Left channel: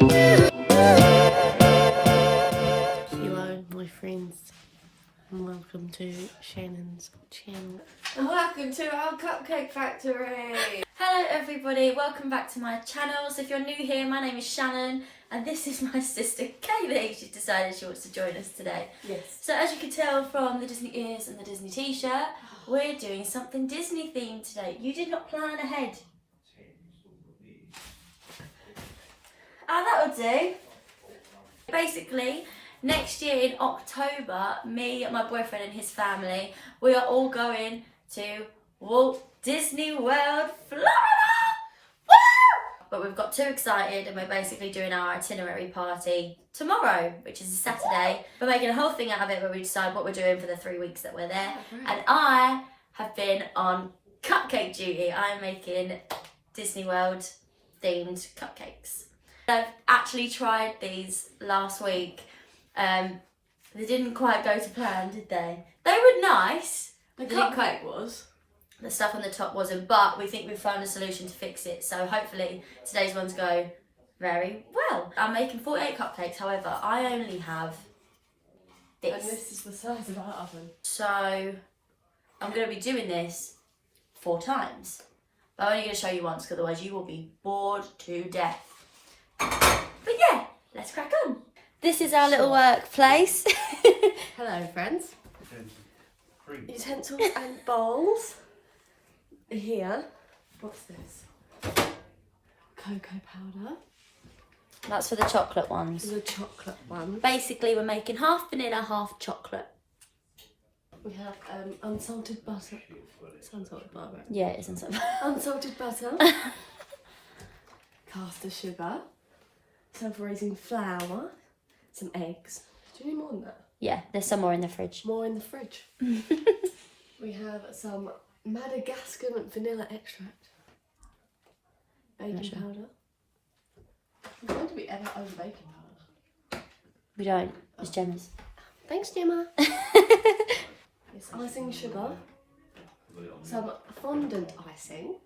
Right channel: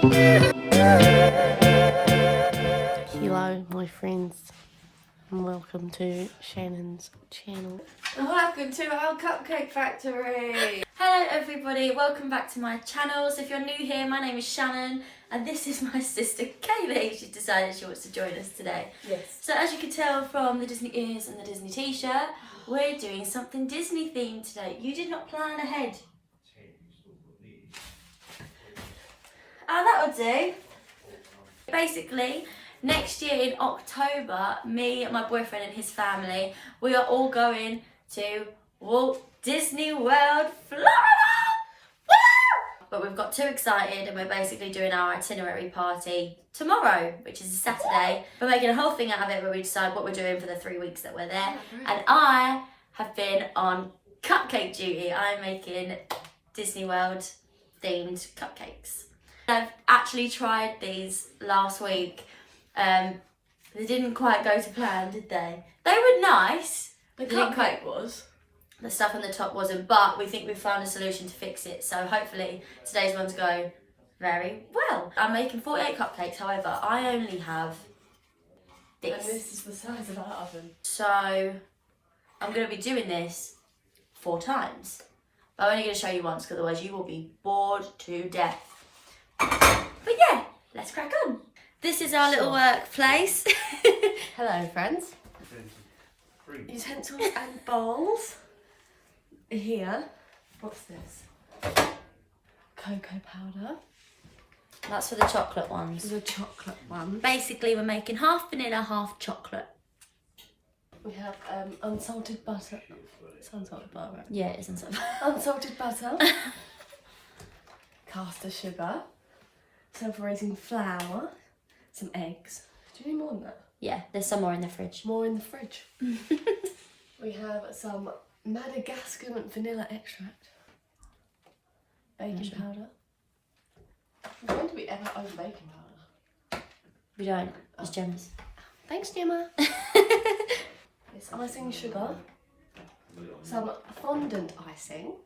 Hello my friends and welcome to Shannon's channel. And welcome to our Cupcake Factory! Hello everybody, welcome back to my channel. So if you're new here, my name is Shannon and this is my sister Kaylee. She's decided she wants to join us today. Yes. So as you can tell from the Disney ears and the Disney t-shirt, we're doing something Disney themed today. You did not plan ahead. Oh, that'll do. Basically, next year in October, me, my boyfriend and his family, we are all going to Walt Disney World, Florida! Woo! But we've got too excited and we're basically doing our itinerary party tomorrow, which is a Saturday. We're making a whole thing out of it where we decide what we're doing for the 3 weeks that we're there. And I have been on cupcake duty. I'm making Disney World themed cupcakes. I've actually tried these last week. They didn't quite go to plan, did they? They were nice. The cupcake was. The stuff on the top wasn't, but we think we've found a solution to fix it. So hopefully today's ones go very well. I'm making 48 cupcakes, however, I only have this. And this is the size of our oven. So I'm going to be doing this 4 times. But I'm only going to show you once, because otherwise you will be bored to death. But yeah, let's crack on. This is our little workplace. Hello friends. Utensils and bowls. Here, what's this? Cocoa powder. That's for the chocolate ones. The chocolate one. Basically, we're making half vanilla, half chocolate. We have unsalted butter. It's unsalted butter, right? Yeah, it isn't so bad. Unsalted butter. Caster sugar. Self-raising flour. Some eggs. Do you need more than that? Yeah, there's some more in the fridge. More in the fridge. We have some Madagascar vanilla extract. Baking powder. When do we ever own baking powder? We don't. It's Gemma's. Thanks, Gemma. It's icing sugar. Some fondant icing.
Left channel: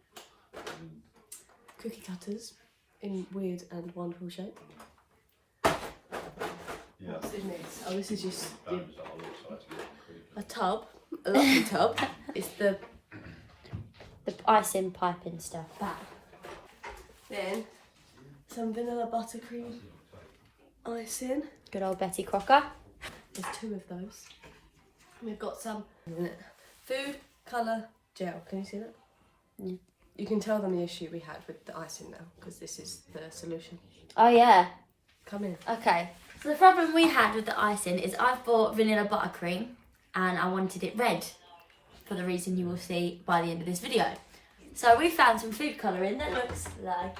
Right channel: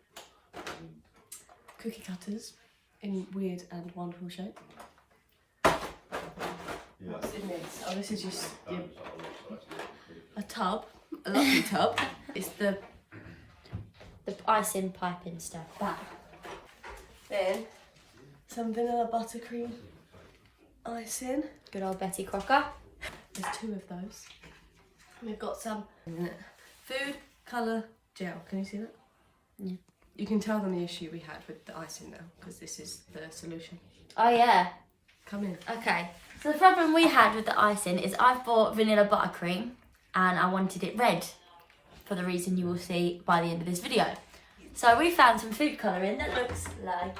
Cookie cutters in weird and wonderful shape. What's in this? Oh, this is just a tub, a lovely tub. It's the icing piping stuff. back. Then some vanilla buttercream icing. Good old Betty Crocker. There's 2 of those. And we've got some food colour gel. Can you see that? Yeah. You can tell them the issue we had with the icing now, because this is the solution. Oh yeah. Come in. Okay. So the problem we had with the icing is I've bought vanilla buttercream and I wanted it red, for the reason you will see by the end of this video. So we found some food colouring that looks like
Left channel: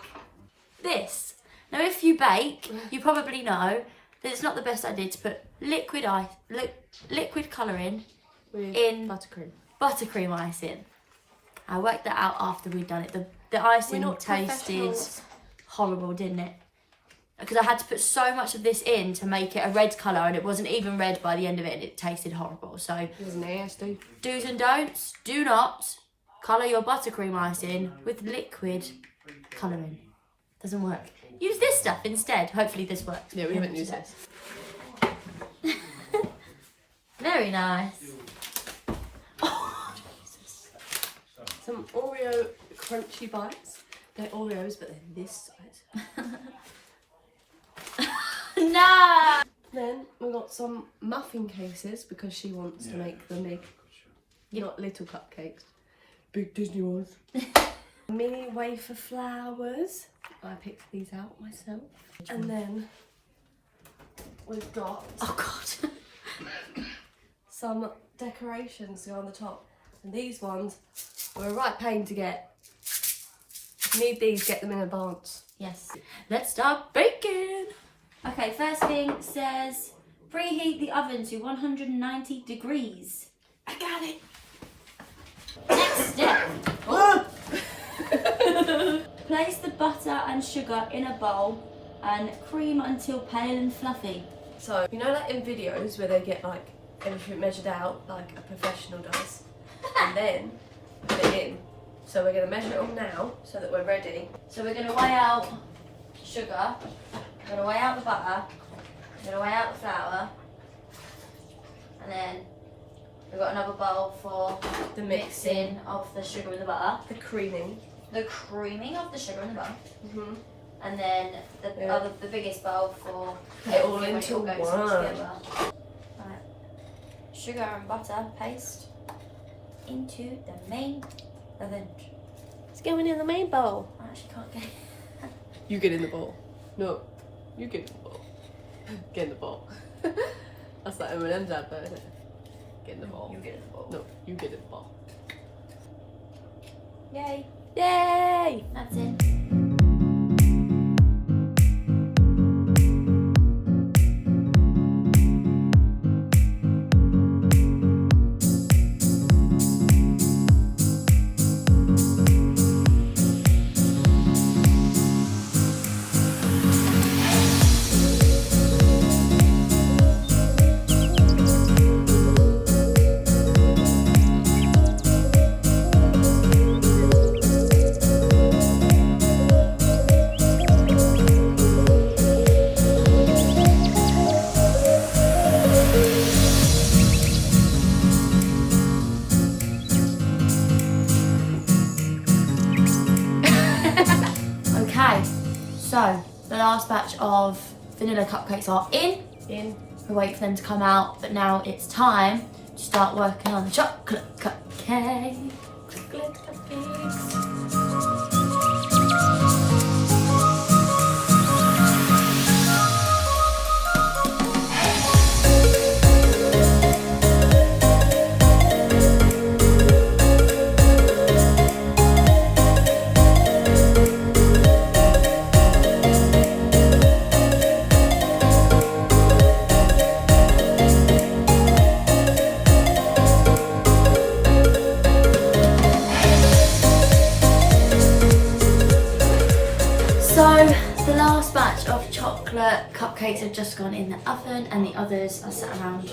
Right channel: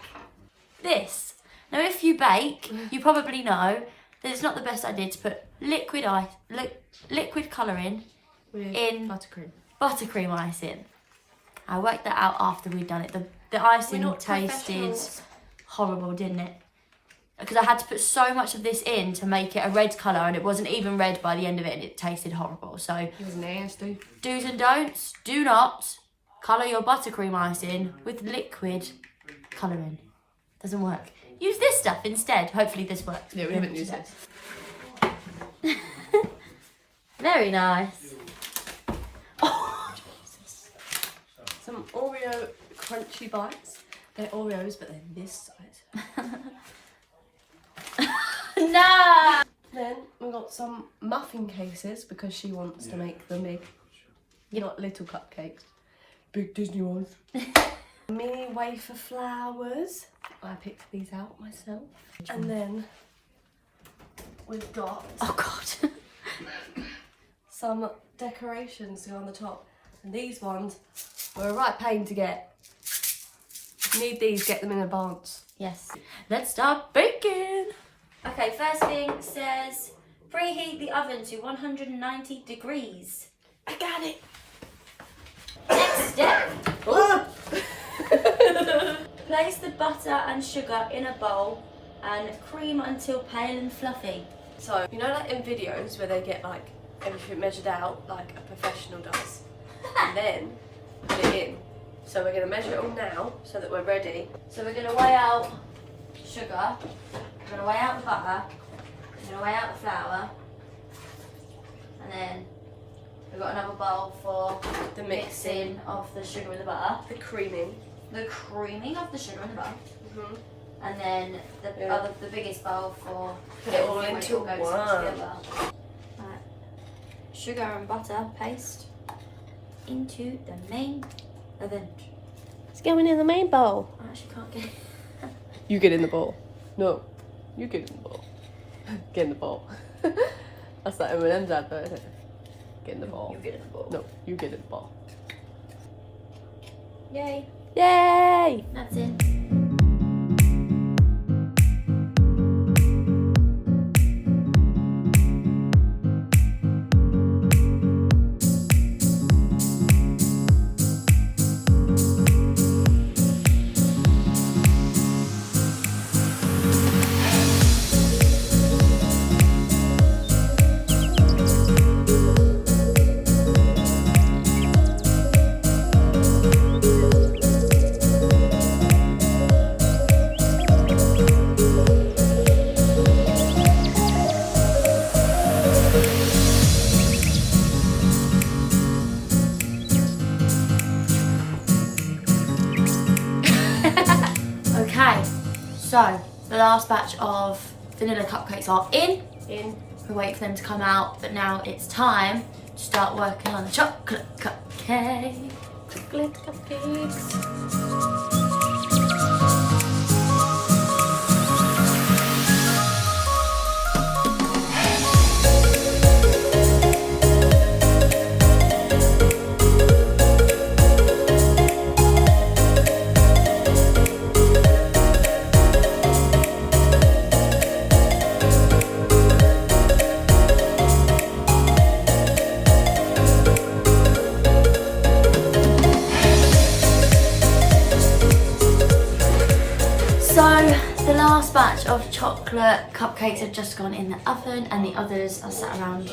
this. Now if you bake, you probably know that it's not the best idea to put liquid colouring With in buttercream icing. I worked that out after we'd done it. The icing tasted horrible, didn't it? Because I had to put so much of this in to make it a red colour, and it wasn't even red by the end of it, and it tasted horrible. So It was nasty. do's and don'ts: do not colour your buttercream icing with liquid colouring. Doesn't work. Use this stuff instead. Hopefully this works. Yeah, we haven't used it. Very nice. Some Oreo crunchy bites. They're Oreos, but they're this size. No! Then we got some muffin cases, because she wants to make them big. Not little cupcakes. Big Disney ones. Mini wafer flowers. I picked these out myself. And then we've got Oh God. some decorations to go on the top. And these ones were a right pain to get. If you need these, get them in advance. Yes. Let's start baking. Okay, first thing says preheat the oven to 190 degrees. I got it. Next step. Place the butter and sugar in a bowl and cream until pale and fluffy. So, you know, like in videos where they get like everything measured out like a professional does, and then put it in. So we're going to measure it all now so that we're ready. So we're going to weigh out sugar. I'm gonna weigh out the butter. I'm gonna weigh out the flour. And then we've got another bowl for The mixing of the sugar with the butter. The creaming. The creaming of the sugar and the butter. Mm-hmm. And then the biggest bowl for Put it all when into goes one. together. Right. Sugar and butter paste into the main oven. It's going in the main bowl. I actually can't get it. You get in the bowl. No, you get in the bowl. Get in the bowl. That's that M&M's advert, isn't it? Get in the bowl. You get in the bowl. No, you get in the bowl. Yay. Yay! That's it. Okay, so the last batch of vanilla cupcakes are in. We wait for them to come out, but now it's time to start working on the chocolate cupcake. Chocolate cupcakes. So the last batch of chocolate cupcakes have just gone in the oven, and the others are sat around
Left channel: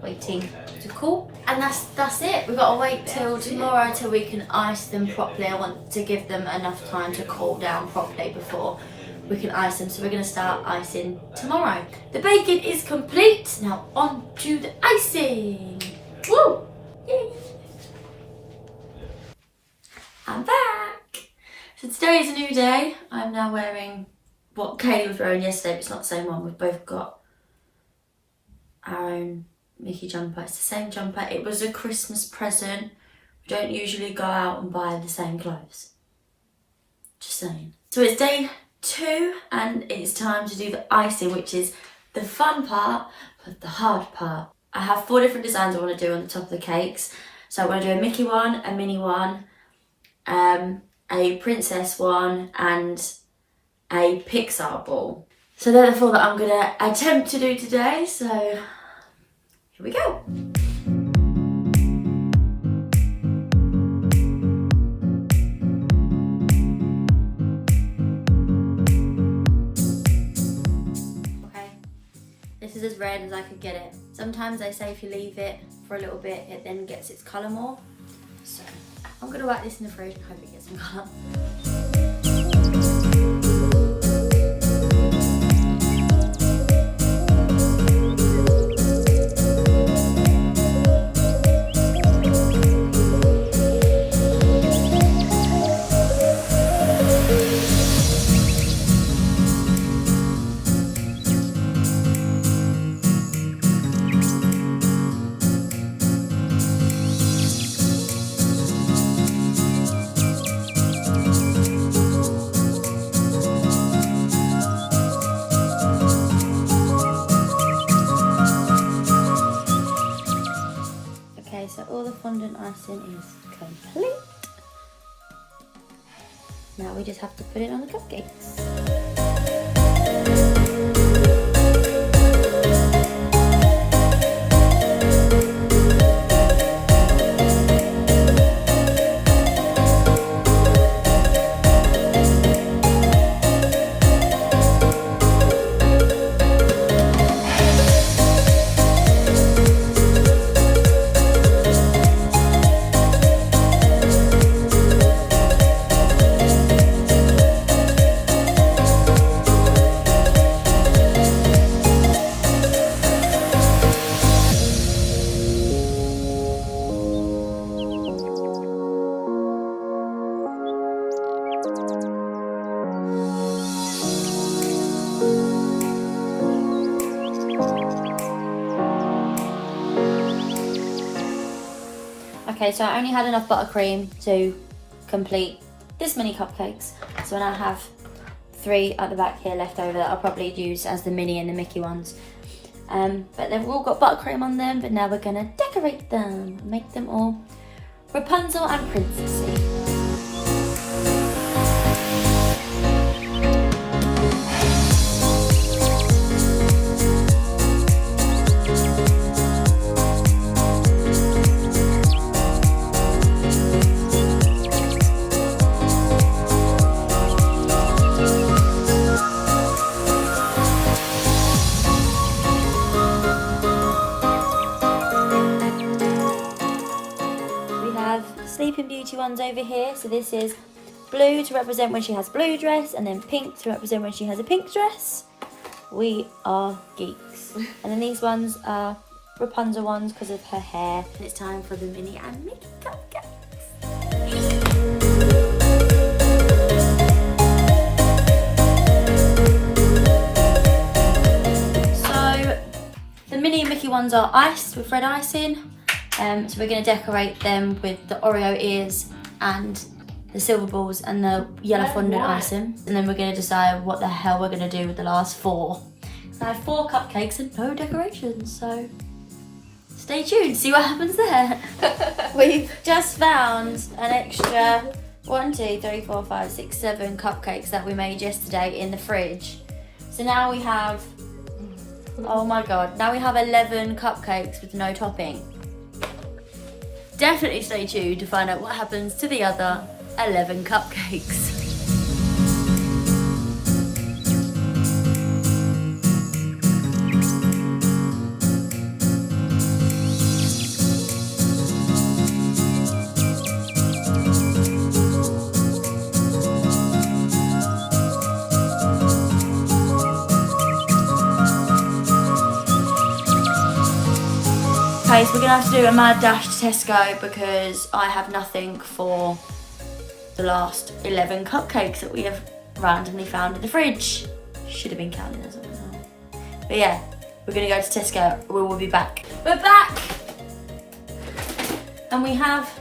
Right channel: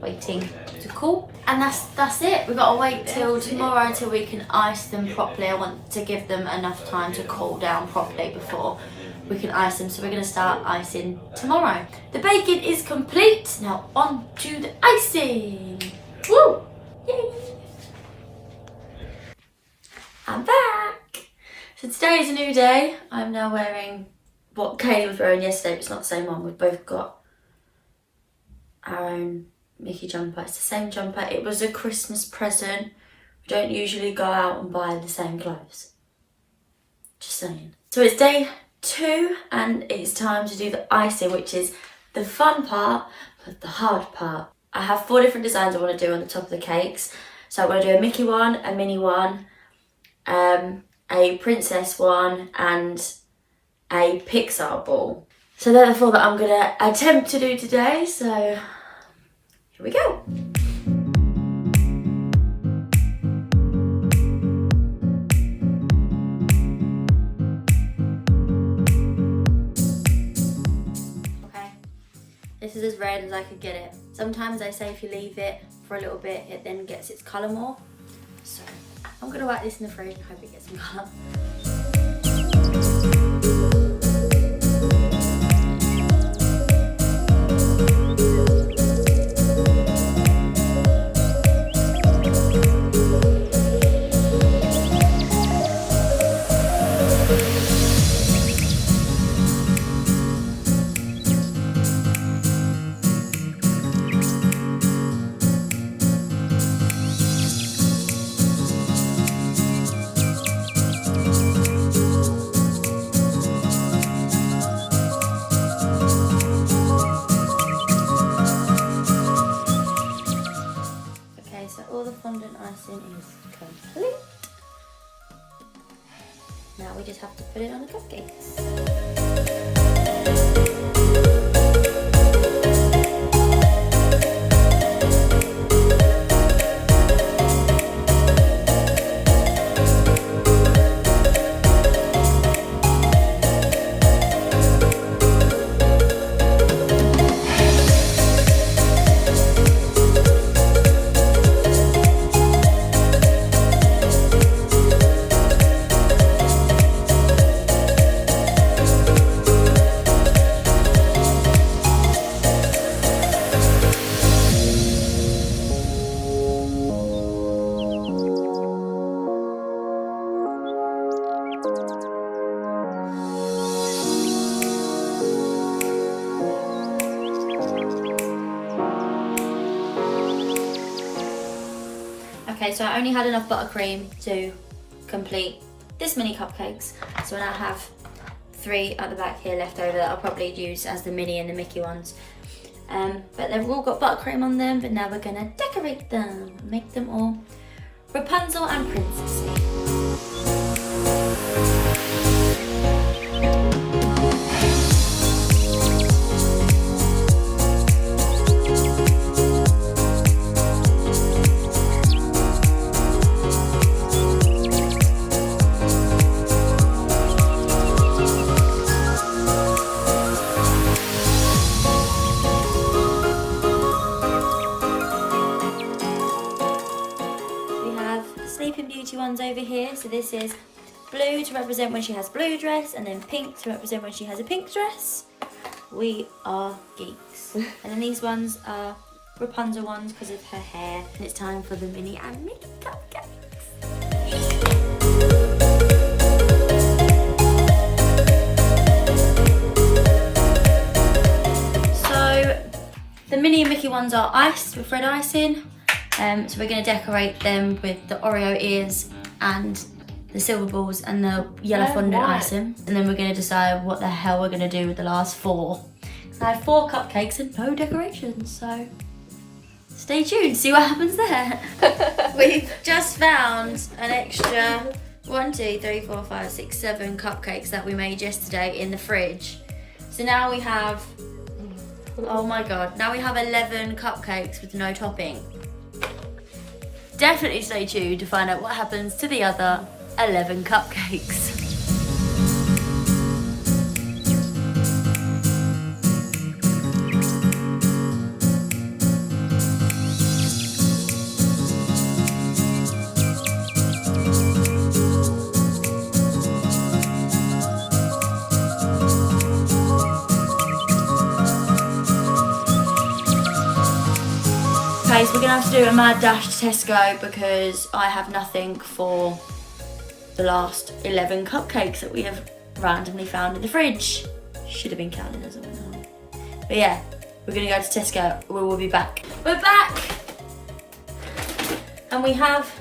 waiting to cool. And that's it. We've got to wait till tomorrow until we can ice them properly. I want to give them enough time to cool down properly before we can ice them. So we're going to start icing tomorrow. The baking is complete. Now on to the icing. Woo! Yay! I'm back. So today is a new day. I'm now wearing what Kaylee was wearing yesterday, but it's not the same one. We've both got our own Mickey jumper. It's the same jumper. It was a Christmas present. We don't usually go out and buy the same clothes. Just saying. So it's day 2 and it's time to do the icing, which is the fun part, but the hard part. I have 4 different designs I want to do on the top of the cakes. So I'm going to do a Mickey one, a Minnie one, a princess one, and a Pixar ball. So they're the 4 that I'm gonna attempt to do today, so here we go. Okay, this is as red as I could get it. Sometimes they say if you leave it for a little bit, it then gets its colour more. So I'm gonna whack this in the fridge and hope it gets some colour. Okay, so I only had enough buttercream to complete this mini cupcakes. So I now have 3 at the back here left over that I'll probably use as the Minnie and the Mickey ones. But they've all got buttercream on them, but now we're gonna decorate them, make them all Rapunzel and princessy. Sleeping Beauty ones over here. So this is blue to represent when she has blue dress, and then pink to represent when she has a pink dress. We are geeks. And then these ones are Rapunzel ones because of her hair. And it's time for the Minnie and Mickey cupcakes. So the Minnie and Mickey ones are iced with red icing. So we're going to decorate them with the Oreo ears and the silver balls and the yellow fondant icing. And then we're going to decide what the hell we're going to do with the last 4. I have 4 cupcakes and no decorations, so stay tuned, see what happens there. We've just found an extra 1, 2, 3, 4, 5, 6, 7 cupcakes that we made yesterday in the fridge. So now we have, oh my god, now we have 11 cupcakes with no topping. Definitely stay tuned to find out what happens to the other 11 cupcakes. Okay, so we're gonna have to do a mad dash to Tesco because I have nothing for the last 11 cupcakes that we have randomly found in the fridge. Should have been counting as I went home. But yeah, we're gonna go to Tesco. We will be back. We're back! And we have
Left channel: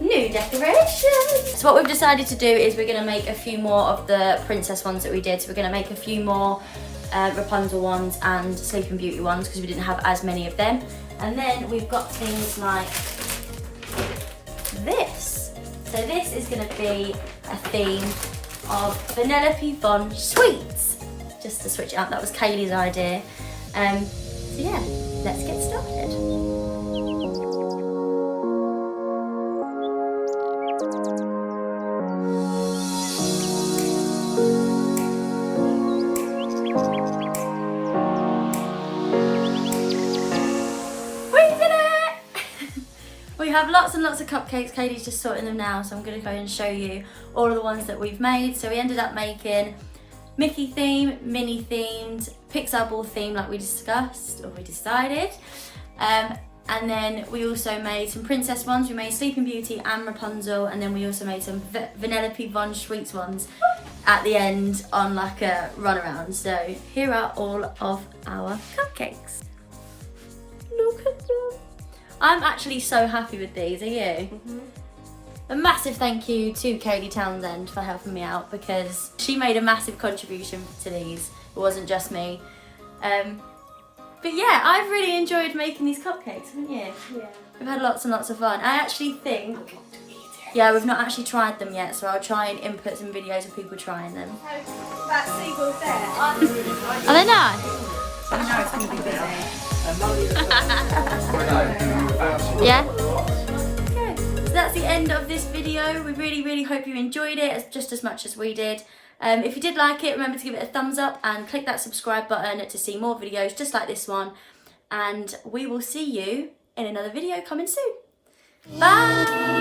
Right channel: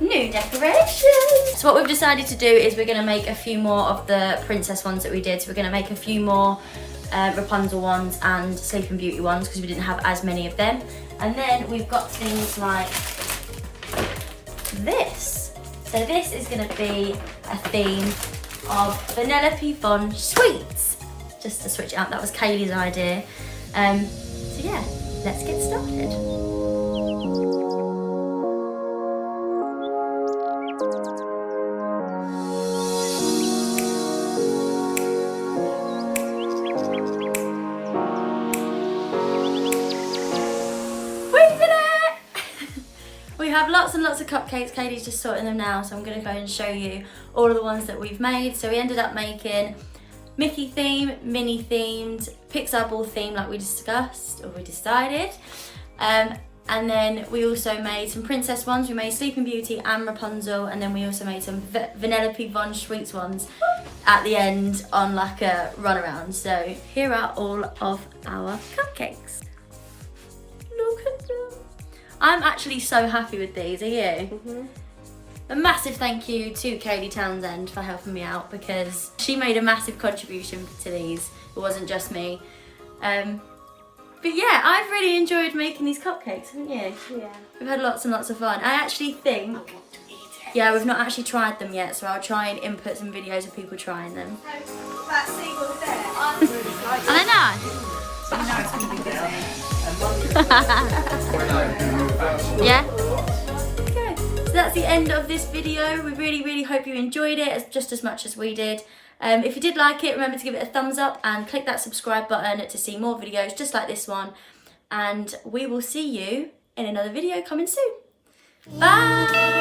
new decorations. So what we've decided to do is we're gonna make a few more of the princess ones that we did. So we're gonna make a few more Rapunzel ones and Sleeping Beauty ones because we didn't have as many of them. And then we've got things like this. So this is going to be a theme of Vanellope Von Sweets. Just to switch it up, that was Kaylee's idea. So yeah, let's get started. We have lots and lots of cupcakes. Katie's just sorting them now, so I'm going to go and show you all of the ones that we've made. So we ended up making Mickey theme, Minnie themed, Pixar ball theme like we discussed, or we decided. And then we also made some princess ones. We made Sleeping Beauty and Rapunzel, and then we also made some Vanellope Von Sweets ones at the end on like a runaround. So here are all of our cupcakes. Look at them. I'm actually so happy with these, are you? A massive thank you to Kaylee Townsend for helping me out because she made a massive contribution to these. It wasn't just me. But yeah, I've really enjoyed making these cupcakes, haven't you? Yeah. We've had lots and lots of fun. I actually think, yeah, we've not actually tried them yet, so I'll try and input some videos of people trying them. That seagull there. Are they nice? So now it's going to be busy. Yeah? Okay, so that's the end of this video. We really hope you enjoyed it just as much as we did. If you did like it, remember to give it a thumbs up and click that subscribe button to see more videos just like this one. And we will see you in another video coming soon. Bye!